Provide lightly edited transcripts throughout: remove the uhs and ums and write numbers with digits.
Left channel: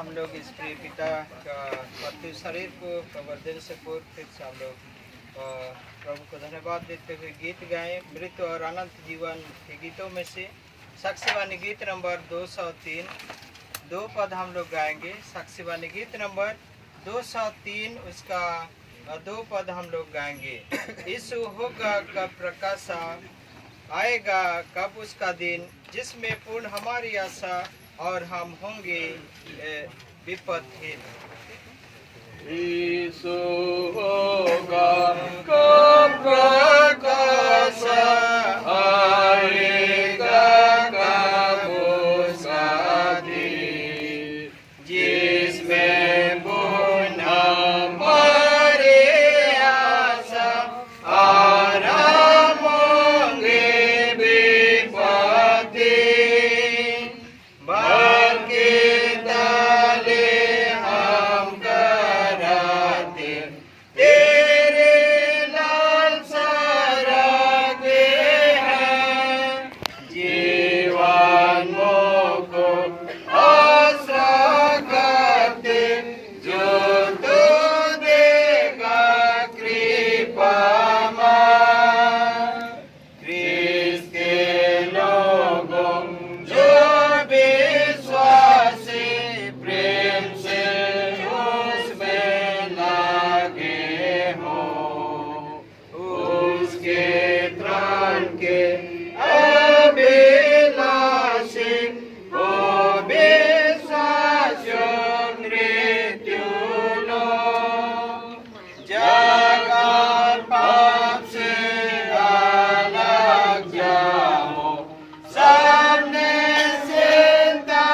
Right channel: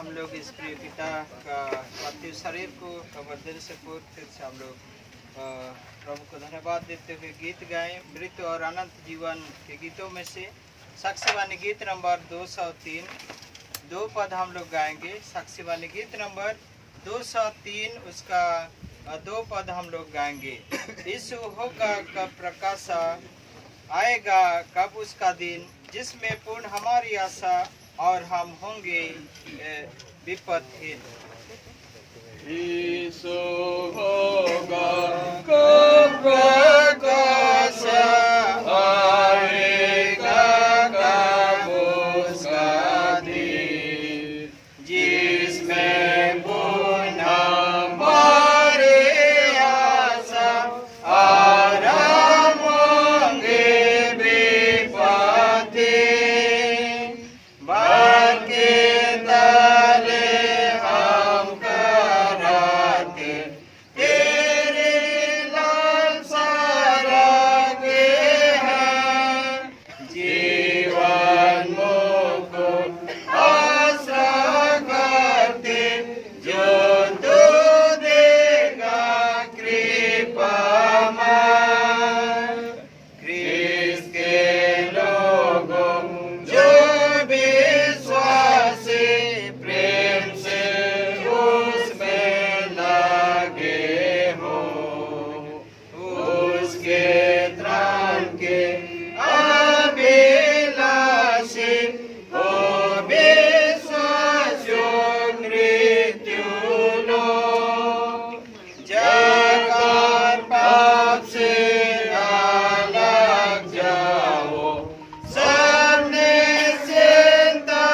हम लोग इस प्रिय पिता का पार्थिव शरीर को कब्र दिल से पूर्व फिर से हम लोग प्रभु को धन्यवाद देते हुए गीत गाएं। मृत और अनंत जीवन के गीतों में से साक्षीवाणी गीत नंबर 203 दो पद हम लोग गाएंगे। साक्षीवाणी गीत नंबर 203 उसका दो पद हम लोग गाएंगे। यीशु होगा कब प्रकाशा, आएगा कब उसका दिन जिसमें पूर्ण हमारी आशा और हम होंगे विपदहीन। यीशु होगा कब प्रकाशा, आएगा कब उसका दिन जिसमें पूर्ण हमारी आशा और हम होंगे विपदहीन। भर के डाले हम कराते तेरे लालसा रखे हैं, जीवन मोको आसरा करते जो तू देगा कृपा में। क्रिस्त के लोगों जो विश्वासी प्रेम से उसमें लगे हो, उसके त्राण के अभिलाषी हो विश्वासियों मृत्यु लो। जग और पाप से अलग जाओ, सामने चिंता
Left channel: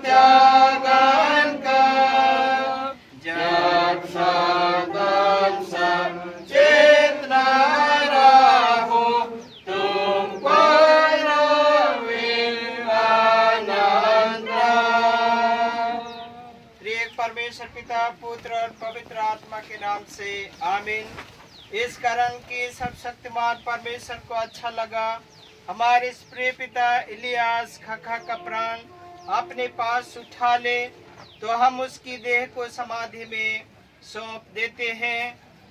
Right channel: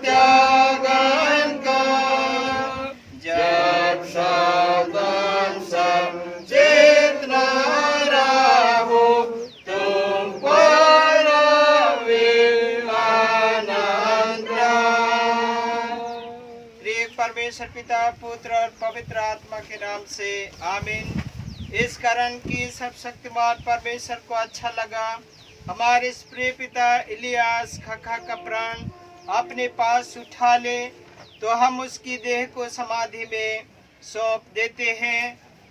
त्यागन का। जब सदन सब चेतना रहो, तुम पर आनंद। प्रिय परमेश्वर पिता, पुत्र और पवित्र आत्मा के नाम से आमीन। इस कारण कि सब शक्तिमान परमेश्वर को अच्छा लगा हमारे इस प्रिय पिता इलियास खखा का प्राण अपने पास उठा ले, तो हम उसकी देह को समाधि में सौंप देते हैं।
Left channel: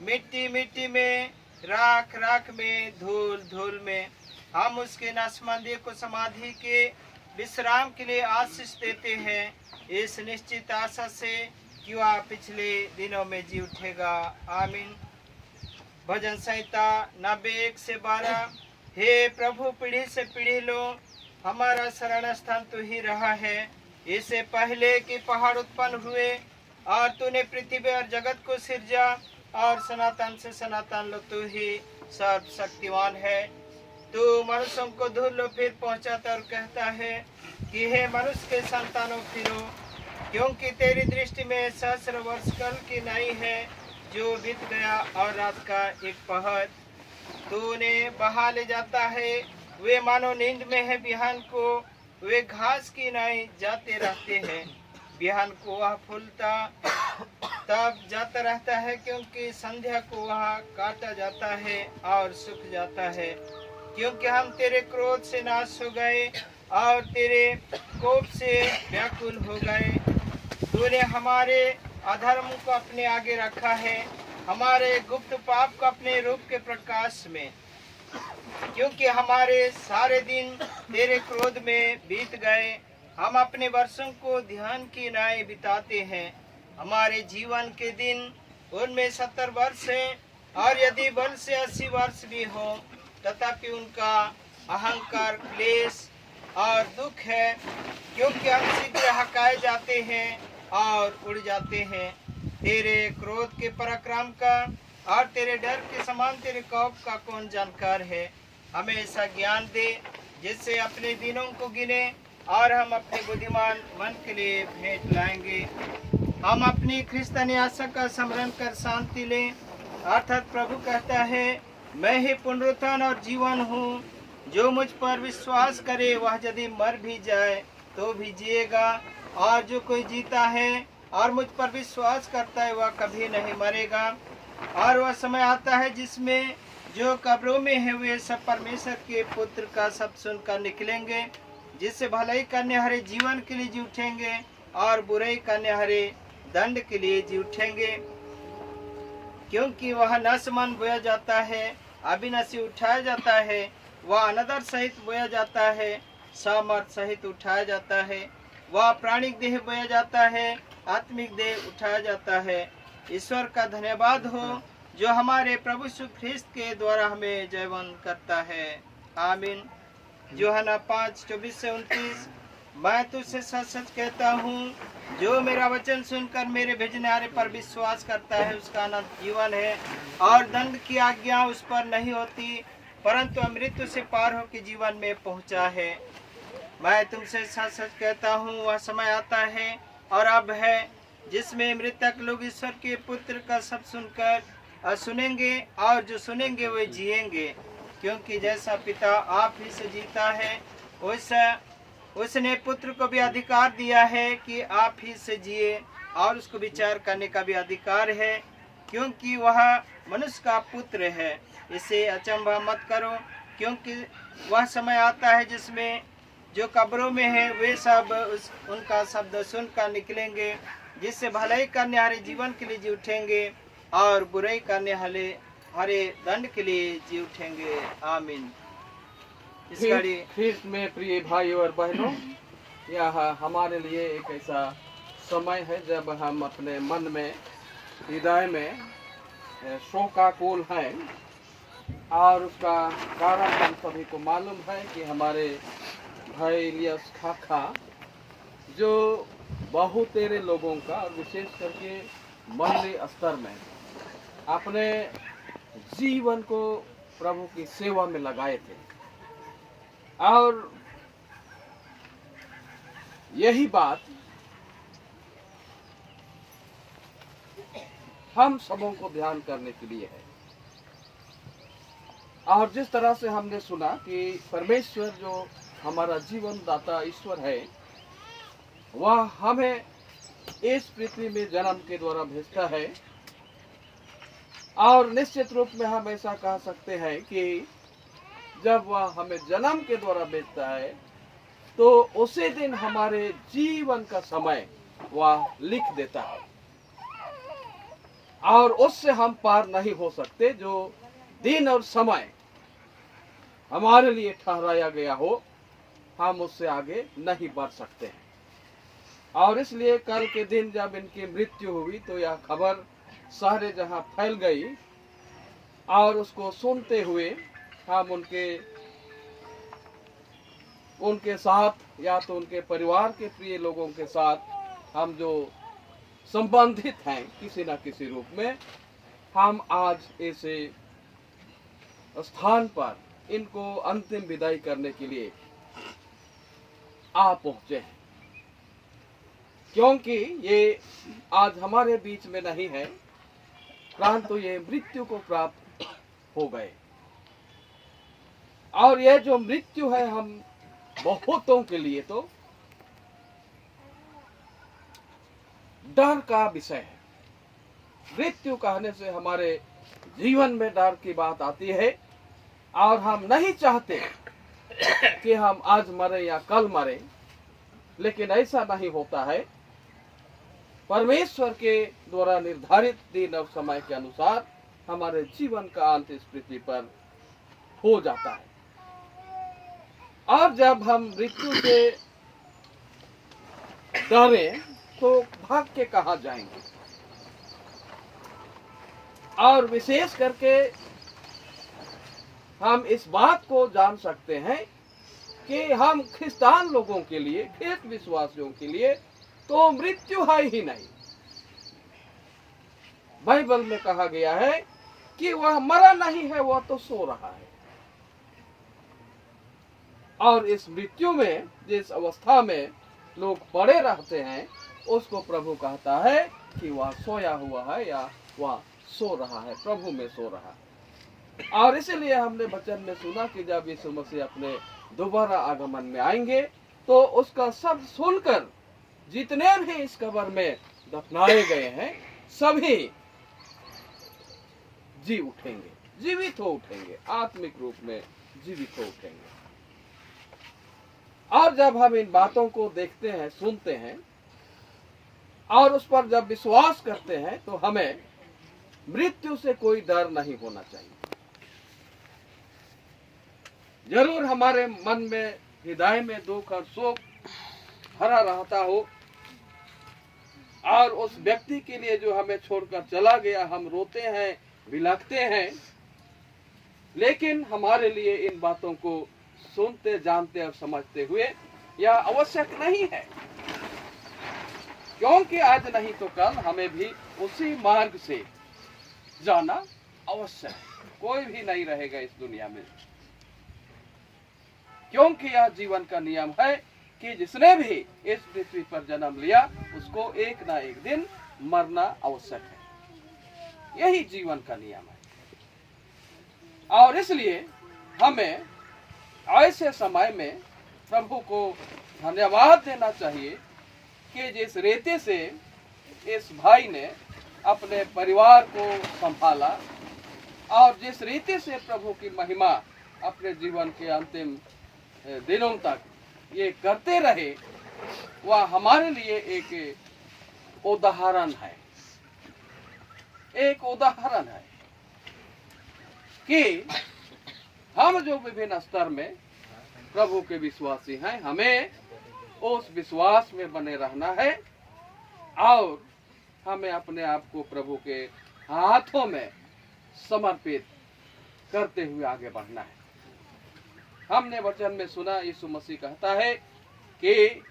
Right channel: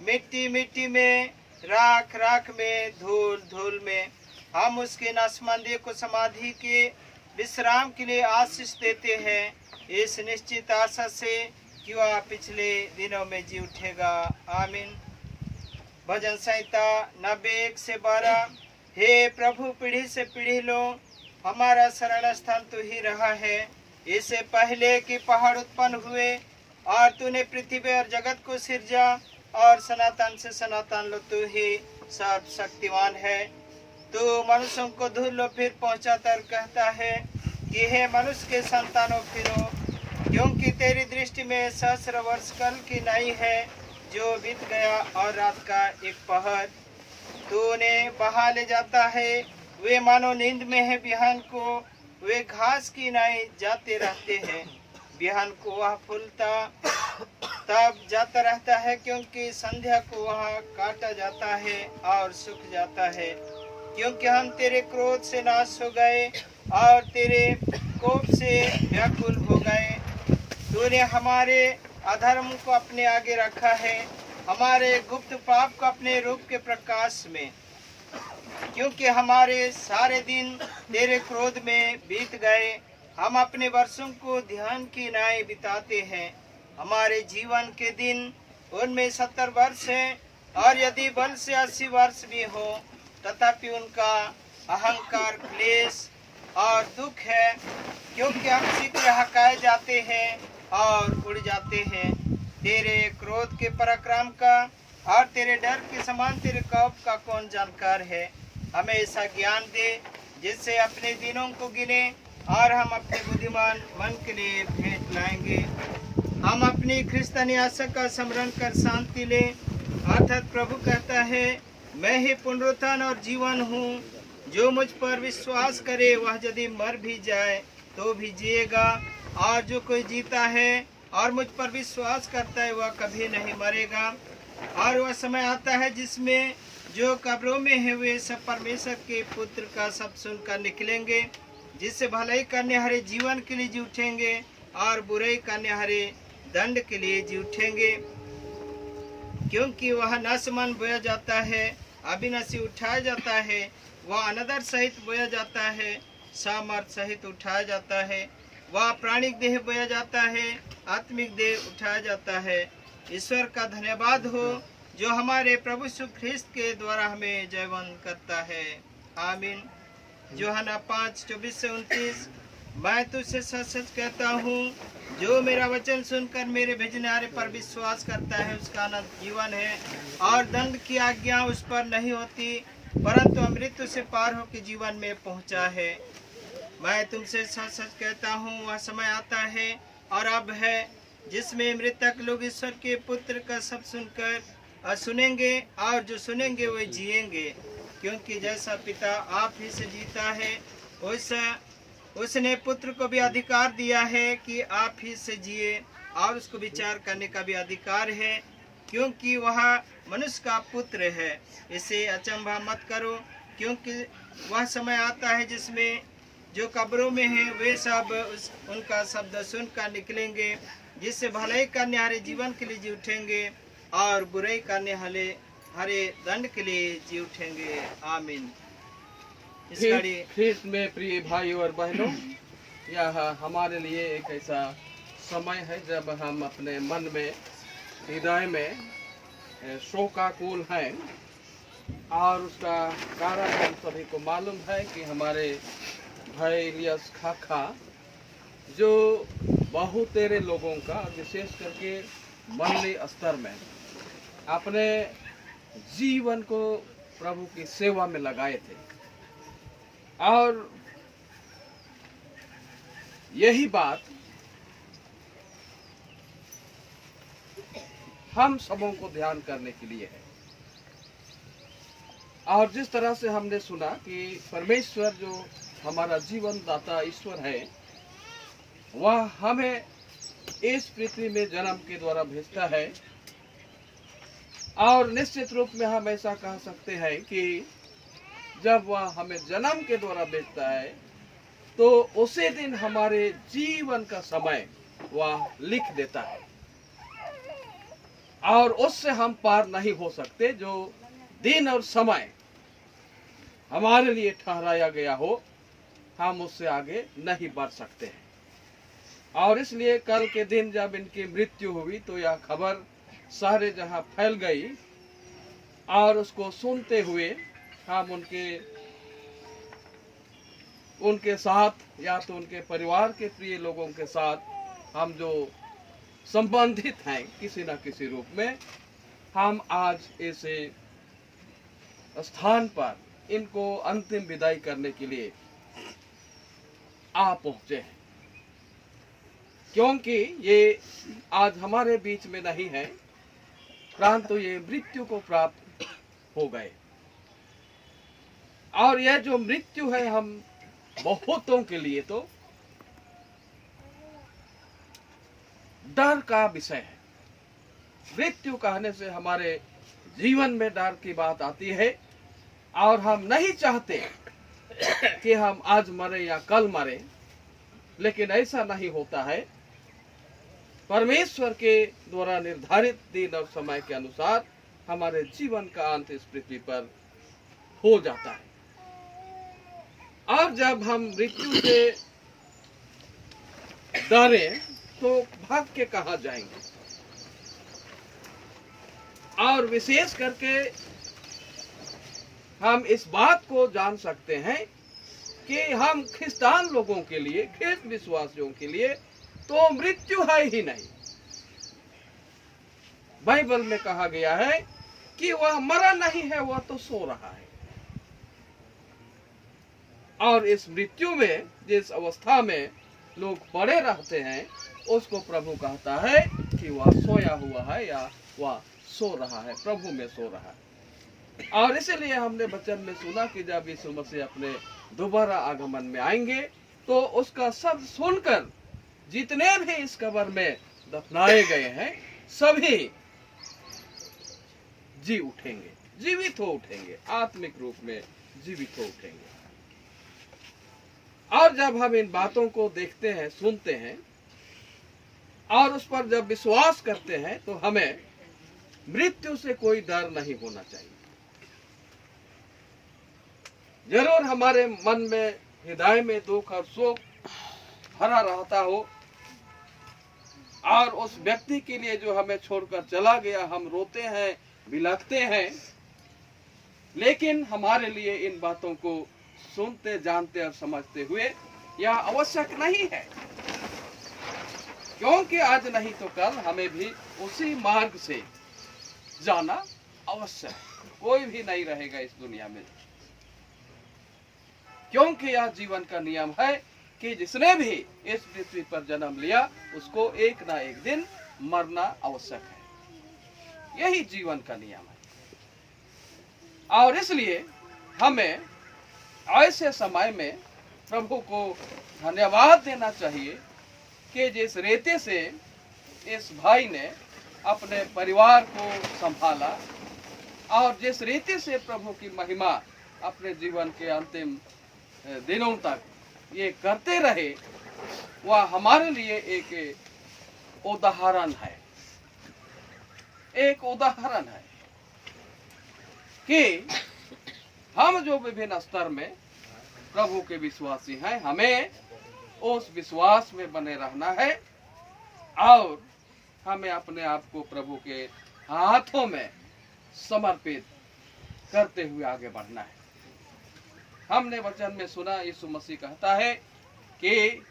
मिट्टी मिट्टी में, राख राख में, धूल धूल में हम उसके नसमंदे को समाधि के विश्राम के लिए आशीष देते हैं, इस निश्चित आशा से कि वह पिछले दिनों में जी उठेगा। आमीन। भजन संहिता 91 से 12। हे प्रभु, पीढ़ी से पीढ़ी लो हमारा शरण स्थान तू ही रहा है। इससे पहले कि पहाड़ उत्पन्न हुए और तूने पृथ्वी और जगत को सिरजा, और सनातन से सनातन लो तू ही सर्वशक्तिमान है। तू मनुष्यों को धूल लो फिर पहुंचाता और कहता है कि हे मनुष्य के संतानों फिरो, क्योंकि तेरी दृष्टि में सहस्र वर्ष कल की नाई है जो बीत गया और रात का एक पहर। तूने बहा ले जाता है, वे मानो नींद में है। बिहान को वे घास की नाई जाते रहते हैं, बिहान को वह फूलता तब जाता रहता है, क्योंकि संध्या को वह काटा जाता है और सूख जाता है। क्योंकि हम तेरे क्रोध से नाश हो गए और तेरे कोप से व्याकुल हो गए। तूने हमारे अधर्म को अपने आगे रखा है, हमारे गुप्त पाप को अपने रूप के प्रकाश में। क्योंकि हमारे सारे दिन तेरे क्रोध में बीत गए, हम अपने वर्षों को ध्यान की नाई बिताते हैं। हमारे जीवन के दिन उनमें 70 वर्ष है, और यदि बल से 80 वर्ष भी हो, तथापि उनका अहंकार, क्लेश और दुख है। क्योंकि हम शीघ्र हकाए जाते हैं और उड़ जाते हैं। तेरे क्रोध के पराक्रम का और तेरे डर के समान तेरे कोप का कौन जानकार है। हमें ऐसा ज्ञान दे जिससे अपने दिनों को गिने और हम अपने बुद्धिमान मन के लिए भेंट लाएंगे। हम अपनी क्रिस्तानी आशा का स्मरण कर शांति ले। अर्थात प्रभु कहता है, मैं ही पुनरुत्थान और जीवन हूँ, जो मुझ पर विश्वास करे वह यदि मर भी जाए तो भी जिएगा, और जो कोई जीता है और मुझ पर विश्वास करता है वह कभी नहीं मरेगा। और वह समय आता है जिसमें जो कब्रों में है वे सब परमेश्वर के पुत्र का शब्द सुनकर निकलेंगे, जिससे भलाई करने हरे जीवन के लिए जी उठेंगे और बुराई करने हरे दंड के लिए जी उठेंगे। क्योंकि वह नसमन बोया जाता है, अविनाशी उठाया जाता है, वह अनदर सहित बोया जाता है, सामर्थ सहित उठाया जाता है। वह प्राणिक देह बोया जाता है, आत्मिक देह उठाया जाता है। ईश्वर का धन्यवाद हो जो हमारे प्रभु यीशु ख्रिस्त के द्वारा हमें जयवन करता है। आमीन। यूहन्ना 5:24-29। मैं तुझसे सच सच कहता हूँ, जो मेरा वचन सुनकर मेरे भेजने वाले पर विश्वास करता है उसका अनंत जीवन है, और दंड की आज्ञा उस पर नहीं होती, परंतु मृत्यु से पार होकर जीवन में पहुँचा है। मैं तुमसे सच सच कहता हूँ, वह समय आता है और अब है जिसमें मृतक लोग ईश्वर के पुत्र का शब्द सुनकर सुनेंगे, और जो सुनेंगे वे जिएंगे। क्योंकि जैसा पिता आप ही से जीता है, वैसा उसने पुत्र को भी अधिकार दिया है कि आप ही से जिए, और उसको विचार करने का भी अधिकार है, क्योंकि वह मनुष्य का पुत्र है। इसे अचंभा मत करो, क्योंकि वह समय आता है जिसमें जो कब्रों में है वे सब उनका शब्द सुनकर निकलेंगे, जिससे भलाई करने हरे जीवन के लिए जी उठेंगे, और बुराई करने हरे दंड के लिए जी उठेंगे। आमीन। ख्रिस्त में प्रिय भाइयों और बहनों, यह हमारे लिए एक ऐसा समय है जब हम अपने मन में, हृदय में शोकाकुल हैं, और उसका कारण हम सभी को मालूम है कि हमारे भाई इलियास खाखा जो बहुतेरे लोगों का, विशेष करके मंडली स्तर में अपने जीवन को प्रभु की सेवा में लगाए थे, और यही बात हम सबों को ध्यान करने के लिए है। और जिस तरह से हमने सुना कि परमेश्वर जो हमारा जीवन दाता ईश्वर है, वह हमें इस पृथ्वी में जन्म के द्वारा भेजता है, और निश्चित रूप में हम ऐसा कह सकते हैं कि जब वह हमें जन्म के द्वारा भेजता है तो उसी दिन हमारे जीवन का समय वह लिख देता है, और उससे हम पार नहीं हो सकते। जो दिन और समय हमारे लिए ठहराया गया हो, हम उससे आगे नहीं बढ़ सकते हैं। और इसलिए कल के दिन जब इनकी मृत्यु हुई तो यह खबर सारे जहां फैल गई, और उसको सुनते हुए हम उनके साथ, या तो उनके परिवार के प्रिय लोगों के साथ हम जो संबंधित हैं किसी न किसी रूप में, हम आज ऐसे स्थान पर इनको अंतिम विदाई करने के लिए आ पहुंचे हैं। क्योंकि ये आज हमारे बीच में नहीं है, परंतु ये मृत्यु को प्राप्त हो गए। और यह जो मृत्यु है, हम बहुतों के लिए तो डर का विषय है। मृत्यु कहने से हमारे जीवन में डर की बात आती है, और हम नहीं चाहते कि हम आज मरे या कल मरे, लेकिन ऐसा नहीं होता है। परमेश्वर के द्वारा निर्धारित दिन और समय के अनुसार हमारे जीवन का अंत इस पृथ्वी पर हो जाता है। और जब हम मृत्यु से डरें तो भाग के कहाँ जाएंगे? और विशेष करके हम इस बात को जान सकते हैं कि हम ख्रिस्तान लोगों के लिए, ख्रिस्त विश्वासियों के लिए तो मृत्यु है ही नहीं। बाइबल में कहा गया है कि वह मरा नहीं है, वह तो सो रहा है। और इस मृत्यु में जिस अवस्था में लोग पड़े रहते हैं, उसको प्रभु कहता है कि वह सोया हुआ है, या वह सो रहा है, प्रभु में सो रहा है। और इसलिए हमने वचन में सुना कि जब यीशु मसीह अपने दोबारा आगमन में आएंगे तो उसका शब्द सुनकर जितने भी इस कब्र में दफनाए गए हैं सभी जी उठेंगे, जीवित हो उठेंगे, आत्मिक रूप में जीवित हो उठेंगे। और जब हम इन बातों को देखते हैं, सुनते हैं, और उस पर जब विश्वास करते हैं तो हमें मृत्यु से कोई डर नहीं होना चाहिए। जरूर हमारे मन में, हृदय में दुख और शोक भरा रहता हो, और उस व्यक्ति के लिए जो हमें छोड़कर चला गया हम रोते हैं, बिलखते हैं, लेकिन हमारे लिए इन बातों को सुनते, जानते और समझते हुए यह आवश्यक नहीं है, क्योंकि आज नहीं तो कल हमें भी उसी मार्ग से जाना आवश्यक है। कोई भी नहीं रहेगा इस दुनिया में, क्योंकि यह जीवन का नियम है कि जिसने भी इस पृथ्वी पर जन्म लिया उसको एक ना एक दिन मरना आवश्यक है। यही जीवन का नियम है। और इसलिए हमें ऐसे समय में प्रभु को धन्यवाद देना चाहिए कि जिस रीति से इस भाई ने अपने परिवार को संभाला और जिस रीति से प्रभु की महिमा अपने जीवन के अंतिम दिनों तक ये करते रहे, वह हमारे लिए एक उदाहरण है। एक उदाहरण है कि हम जो विभिन्न स्तर में प्रभु के विश्वासी हैं, हमें उस विश्वास में बने रहना है और हमें अपने आप को प्रभु के हाथों में समर्पित करते हुए आगे बढ़ना है। हमने वचन में सुना, यीशु मसीह कहता है कि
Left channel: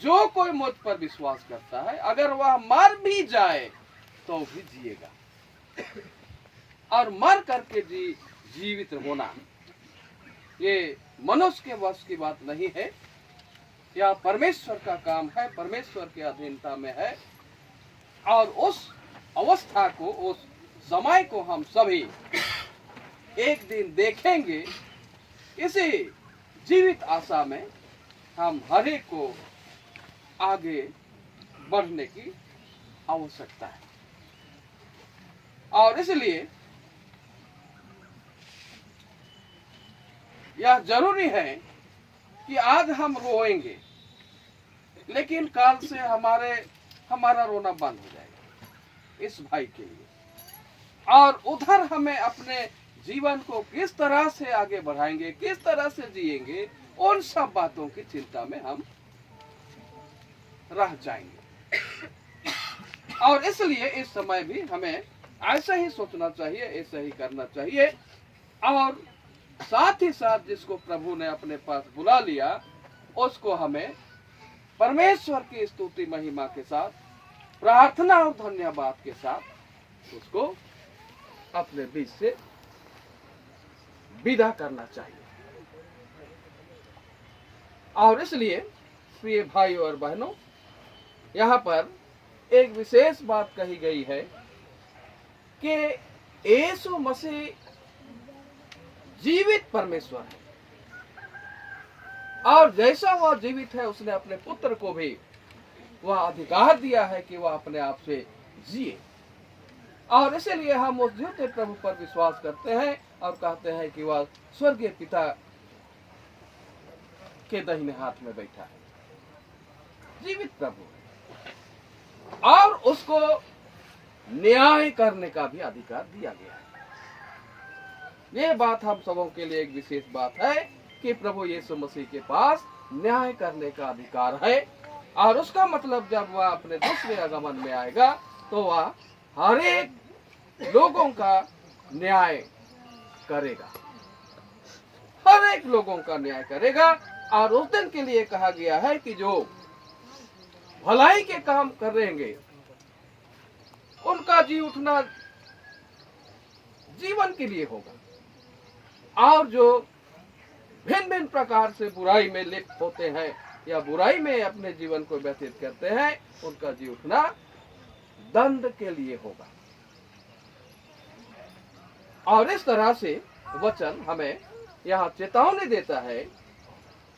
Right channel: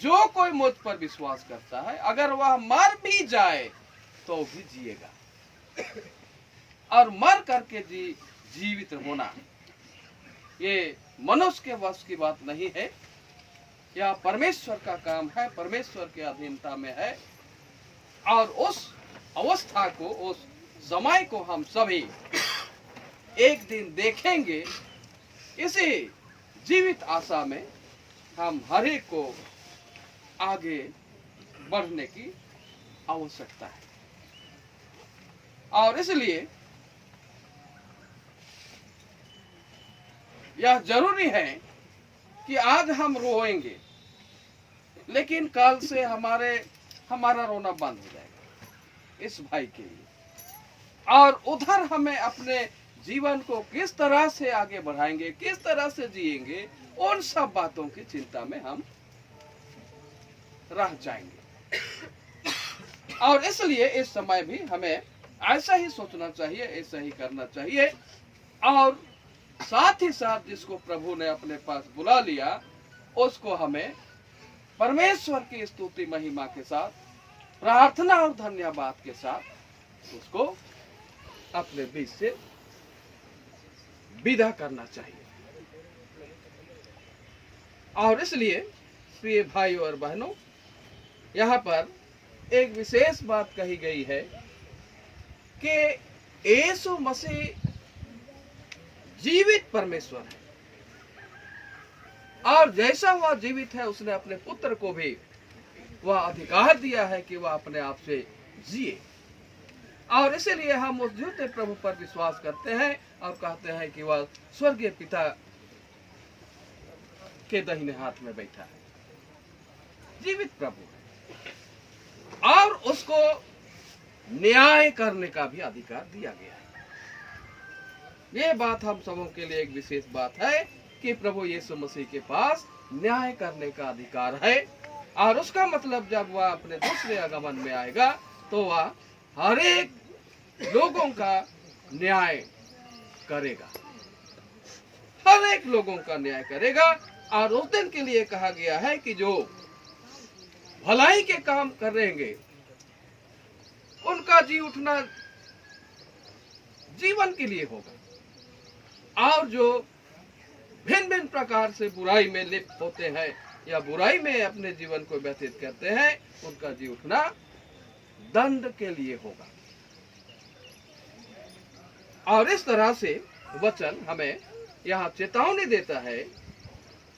जो कोई मुझ पर विश्वास करता है, अगर वह मर भी जाए तो भी जिएगा। और मर करके जीवित होना ये मनुष्य के वश की बात नहीं है, यह परमेश्वर का काम है, परमेश्वर की अधीनता में है। और उस अवस्था को, उस समय को हम सभी एक दिन देखेंगे। इसी जीवित आशा में हम हर एक को आगे बढ़ने की आवश्यकता है। और इसलिए यह जरूरी है कि आज हम रोएंगे, लेकिन कल से हमारा रोना बंद हो जाएगा इस भाई के लिए। और उधर हमें अपने जीवन को किस तरह से आगे बढ़ाएंगे, किस तरह से जिएंगे, उन सब बातों की चिंता में हम रह जाएंगे। और इसलिए इस समय भी हमें ऐसा ही सोचना चाहिए, ऐसा ही करना चाहिए। और साथ ही साथ जिसको प्रभु ने अपने पास बुला लिया, उसको हमें परमेश्वर की स्तुति महिमा के साथ, प्रार्थना और धन्यवाद के साथ उसको अपने बीच से विदा करना चाहिए। और इसलिए प्रिय भाई और बहनों, यहाँ पर एक विशेष बात कही गई है कि यीशु मसीह जीवित परमेश्वर है, और जैसा वह जीवित है उसने अपने पुत्र को भी वह अधिकार दिया है कि वह अपने आप से जिए। और इसीलिए हम उस झूठे प्रभु पर विश्वास करते हैं और कहते हैं कि वह स्वर्गीय पिता के दाहिने हाथ में बैठा है, जीवित प्रभु है, और उसको न्याय करने का भी अधिकार दिया गया है। ये बात हम सबों के लिए एक विशेष बात है कि प्रभु यीशु मसीह के पास न्याय करने का अधिकार है। और उसका मतलब जब वह अपने दूसरे आगमन में आएगा तो वह हर एक लोगों का न्याय करेगा, हर एक लोगों का न्याय करेगा। और उस दिन के लिए कहा गया है कि जो भलाई के काम करेंगे उनका जी उठना जीवन के लिए होगा, और जो भिन्न भिन्न प्रकार से बुराई में लिप्त होते हैं या बुराई में अपने जीवन को व्यतीत करते हैं, उनका जी उठना दंड के लिए होगा। और इस तरह से वचन हमें यहाँ चेतावनी देता है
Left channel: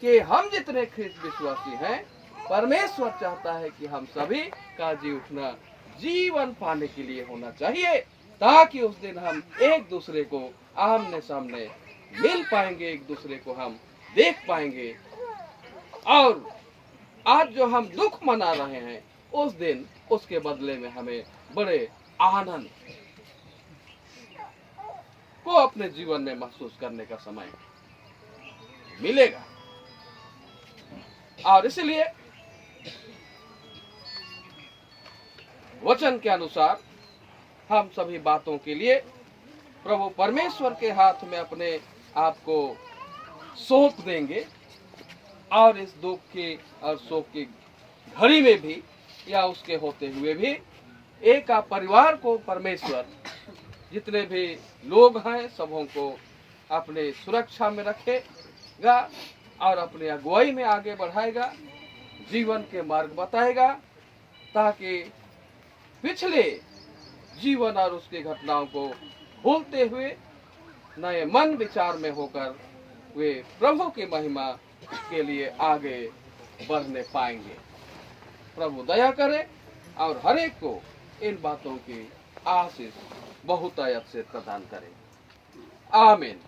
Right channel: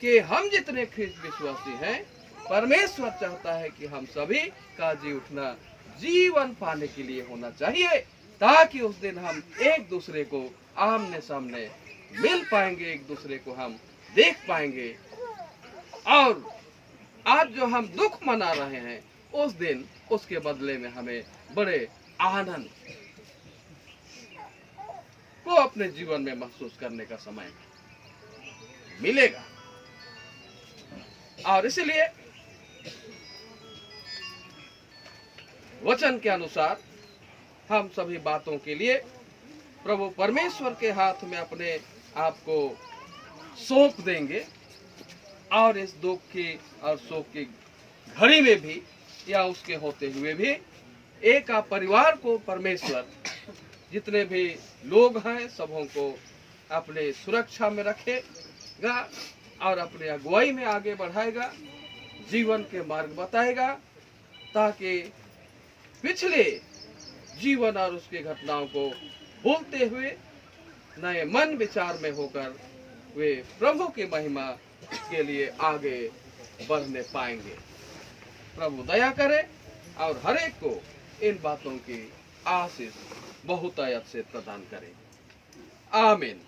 कि हम जितने ख्रिस्त विश्वासी हैं, परमेश्वर चाहता है कि हम सभी का जी उठना जीवन पाने के लिए होना चाहिए, ताकि उस दिन हम एक दूसरे को आमने सामने मिल पाएंगे, एक दूसरे को हम देख पाएंगे और आज जो हम दुख मना रहे हैं, उस दिन उसके बदले में हमें बड़े आनंद को अपने जीवन में महसूस करने का समय मिलेगा। और इसलिए वचन के अनुसार हम सभी बातों के लिए प्रभु परमेश्वर के हाथ में अपने आप को सौंप देंगे, और इस दुख की और शोक की घड़ी में भी या उसके होते हुए भी एक परिवार को परमेश्वर जितने भी लोग हैं सबों को अपने सुरक्षा में रखेगा और अपने अगुवाई में आगे बढ़ाएगा, जीवन के मार्ग बताएगा, ताकि पिछले जीवन और उसकी घटनाओं को भूलते हुए नए मन विचार में होकर वे प्रभु की महिमा के लिए आगे बढ़ने पाएंगे। प्रभु दया करे और हर एक को इन बातों की आशीष बहुतायत से प्रदान करे। आमीन।